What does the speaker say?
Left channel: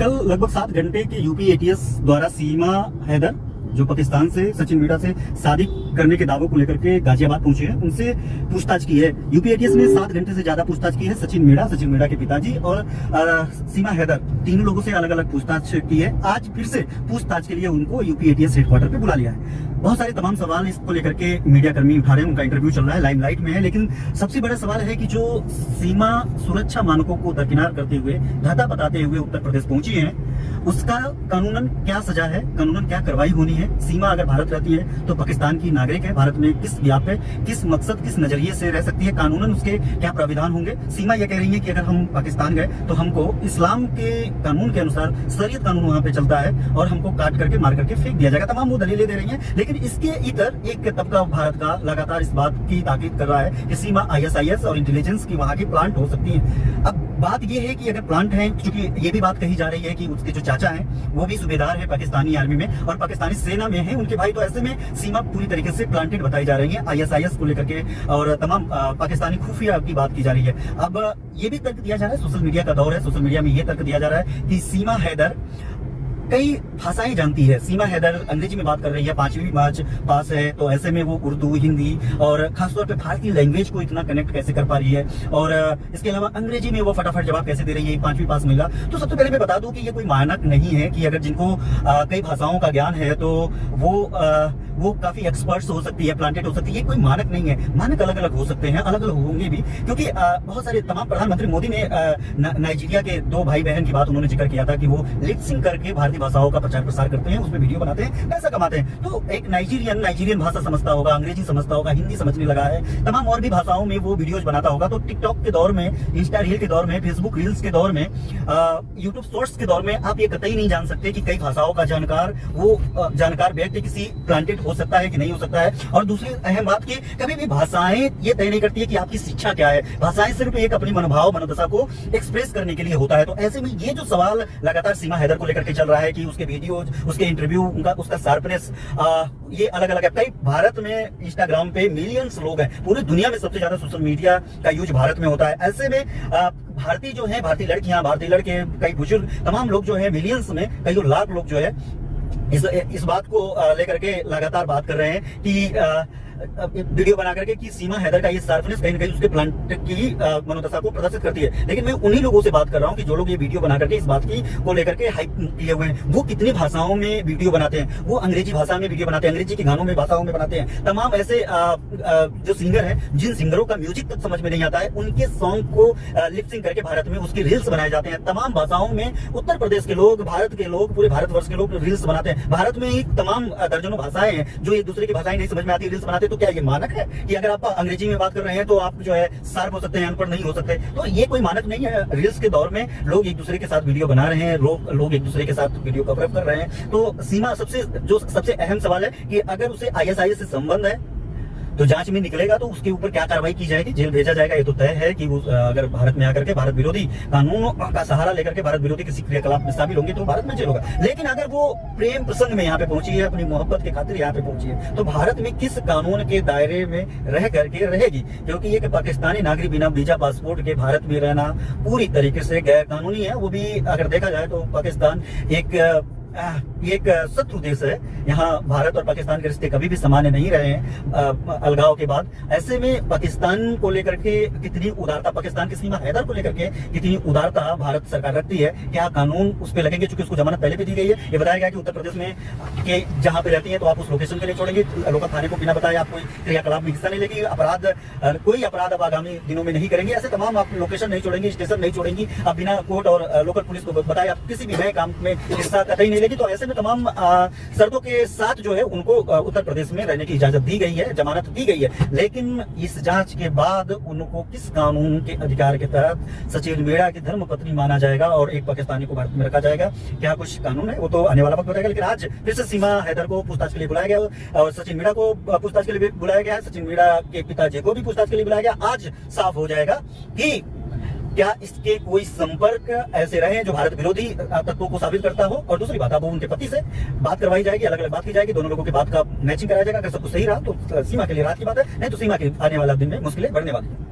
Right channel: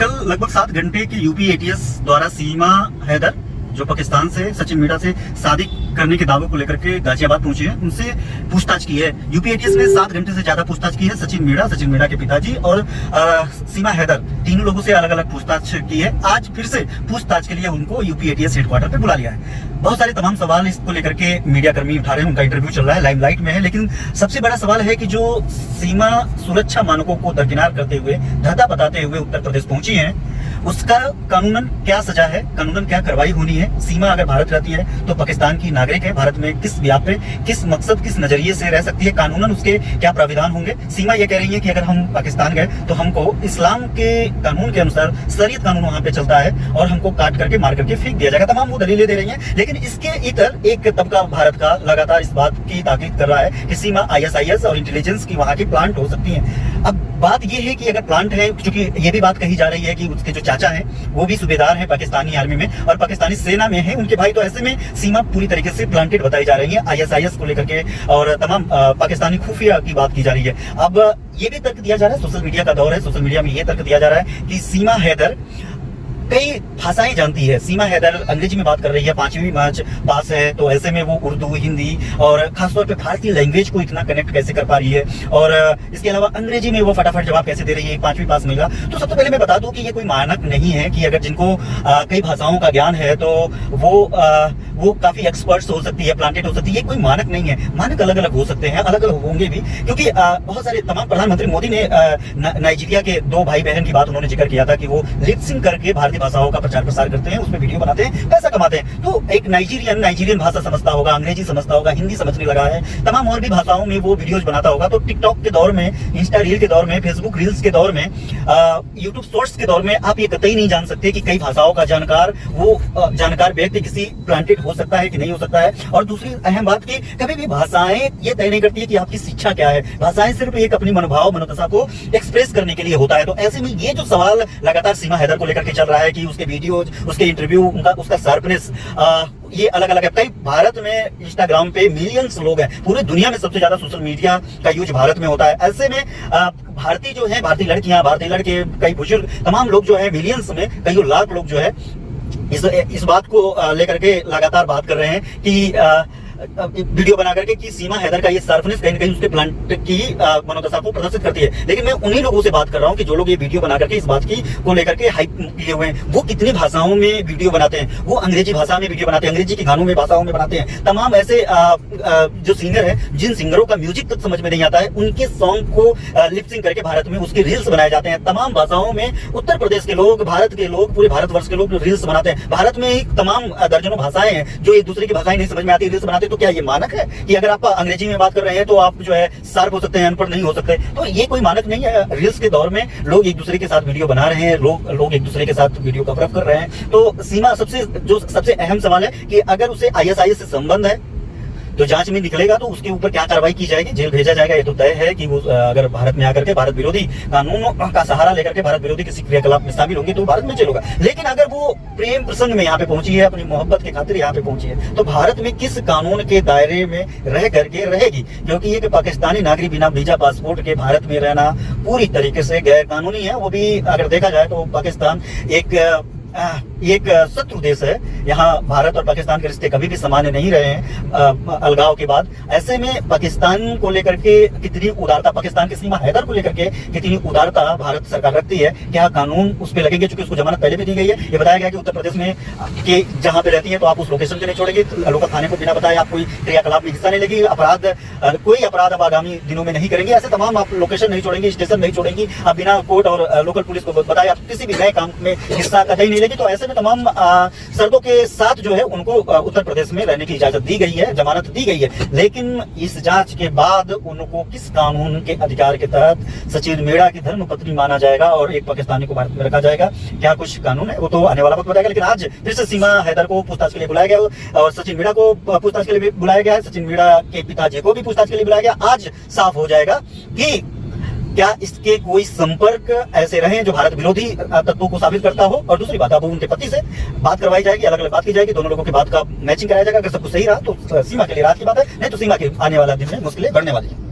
कल लगभग 7 घंटे के यूपी एटीएस द्वारा सीमा हैदर जो पाकिस्तान से सचिन मीणा से शादी करने के दावों को लेकर के गाजियाबाद पहुंचे हैं, उनसे पूछताछ की है। यूपी एटीएस ने 7 घंटे से ज्यादा पूछताछ की है। सचिन मीणा के पिताजी और सीमा हैदर, तीनों लोगों से अलग अलग पूछताछ की है। आज फिर से पूछताछ के लिए उनको यूपी एटीएस हेडक्वार्टर पे बुला लिया है। बहुत सारे तमाम सवाल इसको लेकर के मीडिया कर्मी उठा रहे हैं, उनका इंटरव्यू चल रहा है, लाइमलाइट में है। लेकिन सबसे बड़ा सवाल है कि जो सीमा सुरक्षा मानकों को दरकिनार करते हुए, धता बताते हुए उत्तर प्रदेश पहुंची है, उसका कानूनन क्या सजा है, कानूनन क्या कार्रवाई होनी है। सीमा अगर भारत रहती है तो पाकिस्तान की नागरिक है, भारत में किस ब्याह पे, किस मकसद, किस नजरिए से रह सकती है, कानूनन उसके क्या प्राविधान होंगे। सीमा ये कह रही है कि अगर हम पाकिस्तान गए तो हमको इस्लाम के कानून के अनुसार, शरीयत कानून वहां पे चलता है और हमको काट करके, मार करके फेंक दिया जाएगा। तमाम वो दलीलें दे रही हैं। लेकिन इसके इतर एक तबका भारत का लगातार इस बात की ताकीद कर रहा है कि सीमा ISIS और इंटेलिजेंस की वहां की प्लांट हो सकती है। अब बात यह है कि अगर प्लांट है, क्योंकि ये भी बात कही जा रही है कि उसके जो चाचा हैं वो भी सूबेदार है पाकिस्तानी आर्मी में और पाकिस्तानी सेना में है उनके भाई, तो ऐसे में सीमा पूरी तरीके से प्लांटेड बताई जा रही है ISIS को लेकर के और तमाम पाकिस्तानी खुफिया की बात की जा रही है। अब ये भी तर्क दिया जा रहा है, सोशल मीडिया का दौर है, सोशल मीडिया में ये तर्क दिया जा रहा है कि सीमा हैदर कई भाषाएं जानती है। सीमा हैदर अंग्रेजी में बात कर रही है, 5वीं मार्च पास है, तो ऐसे में वो उर्दू, हिंदी और खासतौर पे भारतीय लैंग्वेज को इतना कनेक्ट कैसे कर पा रही है और इसके अलावा अंग्रेजी में वो फटाफट जवाब कैसे दे रही है 5वीं पास महिला। तो सबसे पहले मैं बता दूं कि ये कोई मानक नहीं है कि अगर जिनको कई भाषाओं का ज्ञान है तो वो काफी एक्सपर्ट्स हो सकती है, प्लांटेड हो सकती है। ये कोई मानक नहीं है। मानक अलग अलग हो सकते हैं, अलग अलग होंगे भी, क्योंकि बहुत सारे तमाम प्रधानमंत्री मोदी ने नाइजीरिया के 2 भाई बहन की बात उन्होंने जिक्र किया था कि वो लिप सिंक करके भारतीय भाषाओं का प्रचार प्रसार करते हैं, उसमें वीडियो बनाते हैं, पैसा कमाते हैं। तो एक नाइजीरियन भाषा समझता होगा, अंग्रेजी समझता होगा, हिंदी समझने लगा है, तमाम और भी भाषाओं में वो वीडियोज बनाता होगा। तो टिकटॉक के दौर में, इंस्टा रील के दौर में, फेसबुक रील्स के दौर में, यूट्यूब शॉर्ट्स के दौर में आप ये कतई नहीं जान सकते कि कई भाषाओं का जानकार व्यक्ति किसी प्लांटेड हो सकता है कि नहीं हो सकता है। और दूसरी अहम बात की कभी भी भाषाएं ये तय नहीं करती है कि आपकी शिक्षा क्या है। भाषाएं सिर्फ एक अपनी मनोभाव, मनोदशा को एक्सप्रेस करने के लिए होता है। तो ऐसे में ये जो सवाल लगातार सीमा हैदर को लेकर के चल रहा है कि उसके वीडियोज, उसके इंटरव्यू, उसका शार्पनेस, ये अलग अलग है। कई भारत में इंस्टाग्राम पे मिलियंस लोग हैं, पूरी दुनिया में सबसे ज्यादा सोशल मीडिया का यूज भारत में होता है। ऐसे में भारतीय जो है, भारतीय लड़कियां, भारतीय लड़के, कई बुजुर्ग, तमाम लोग जो है मिलियंस में, कई लाख लोग जो है इस बात को लेकर के लगातार बात कर रहे हैं कि वीडियो बना करके कि सीमा हैदर का ये शार्पनेस कहीं न कहीं उसके प्लांट की मनोदशा को प्रदर्शित करती है। लेकिन मैं उन्हीं लोगों से बात कर रहा हूं कि जो लोग ये वीडियो बना करके इस बात की को लेकर के हाइप किए हुए हैं। वो कितनी भाषाओं में वीडियो बनाते हैं, वो अंग्रेजी भाषा में वीडियो बनाते हैं, अंग्रेजी के गानों में, भाषाओं में बनाते हैं। तमाम ऐसे जो सिंगर है, जिन सिंगरों का म्यूजिक तक समझ में नहीं आता है, उनके सॉन्ग को लिपसिंग करके भारत में उसके रील्स बनाए जाते हैं। तमाम भाषाओं में उत्तर प्रदेश के लोग, भारत के लोग, पूरे भारतवर्ष के लोग रील्स बनाते हैं। भारत में एक तमाम दर्जनों भाषाएं हैं जो एक दूसरे की भाषाएं नहीं समझ में आती, रील्स बनाते। तो क्या ये मानक है कि अगर आप अंग्रेजी में बात कर रहे हैं तो आप जो है शार्प हो सकते हैं, अनपढ़ नहीं हो सकते? तो ये कोई मानक नहीं है। रील्स के दौर में लोग एक दूसरे के साथ वीडियो बना रहे हैं, लोग एक दूसरे के साथ वीडियो कवरअप कर रहे हैं। तो सीमा सबसे अहम सवाल है कि अगर उसे ISIS से संबंध है तो जांच में निकलेगा तो उसके ऊपर क्या कार्रवाई की जाएगी, जेल भेजा जाएगा। ये तो तय है कि वो अगर भारत में आकर के भारत विरोधी कानूनों का सहारा लेकर के भारत विरोधी किसी क्रियाकलाप में शामिल होंगे तो भारत में जेल होगा। लेकिन अगर वो प्रेम प्रसंग में यहाँ पे पहुंची है, अपनी मोहब्बत के खातिर यहाँ पे पहुंची है, तो भारत में किस कानून के दायरे में रह करके रहेगी? क्योंकि ये कि पाकिस्तानी नागरिक बिना वीजा पासपोर्ट के भारत में रहना पूरी तरीके से गैर कानूनी है। वो भी अगर देखा जाए तो पाकिस्तान एक शत्रु देश है। यहाँ भारत और पाकिस्तान के रिश्ते कभी भी सामान्य नहीं रहे हैं अलगाव के बाद। ऐसे में पाकिस्तान को लेकर के कितनी उदारता, पाकिस्तान की सीमा हैदर को लेकर के कितनी उदारता भारत सरकार रखती है, क्या कानून उस पर लगेंगे? चूंकि उसको जमानत पहले भी दी गई है। ये बताया गया कि उत्तर प्रदेश में के जहां पे रहती है तो आप उस लोकेशन को नहीं छोड़ेंगे, लोकल थाने को बिना बताए आप कोई क्रियाकलाप में हिस्सा नहीं लेगी, कोई अपराध अब आगामी दिनों में नहीं करेंगे। ऐसे तमाम आप लोकेशन नहीं छोड़ेंगे, स्टेशन नहीं छोड़ेंगी, आप बिना कोर्ट और लोकल पुलिस को बताए आप किसी भी नए काम में हिस्सा कतई नहीं लेगी। तो ऐसे में तमाम शर्तों के साथ जो है उनको उत्तर प्रदेश में रहने की इजाजत दी गई है, जमानत दी गई है। लेकिन इस जांच के बाद उनको किस कानून के अधिकार के तहत सचिन मीणा की धर्मपत्नी माना जाएगा और एक पाकिस्तानी को भारत में रखा जाएगा, क्या कुछ कानून है वो तो आने वाला वक्त बताएगा। लेकिन आज फिर से सीमा हैदर को पूछताछ के लिए बुलाया गया और सचिन मीणा को पूछताछ के लिए बुलाया गया है। सचिन मीणा के पिताजी को भी पूछताछ के लिए बुलाया गया। आज साफ हो जाएगा कि क्या इसके कोई संपर्क ऐसे रहे जो भारत विरोधी तत्वों को साबित करता हो। और दूसरी बात, अब उनके पति से बात करवाई जाएगी, अलग अलग बात की जाएगी, दोनों लोगों की बात का मैचिंग कराया जाएगा। अगर सब कुछ सही रहा तो सीमा के लिए राहत की बात है, नहीं तो सीमा के आने वाला दिन में मुश्किलें बढ़ने वाली है।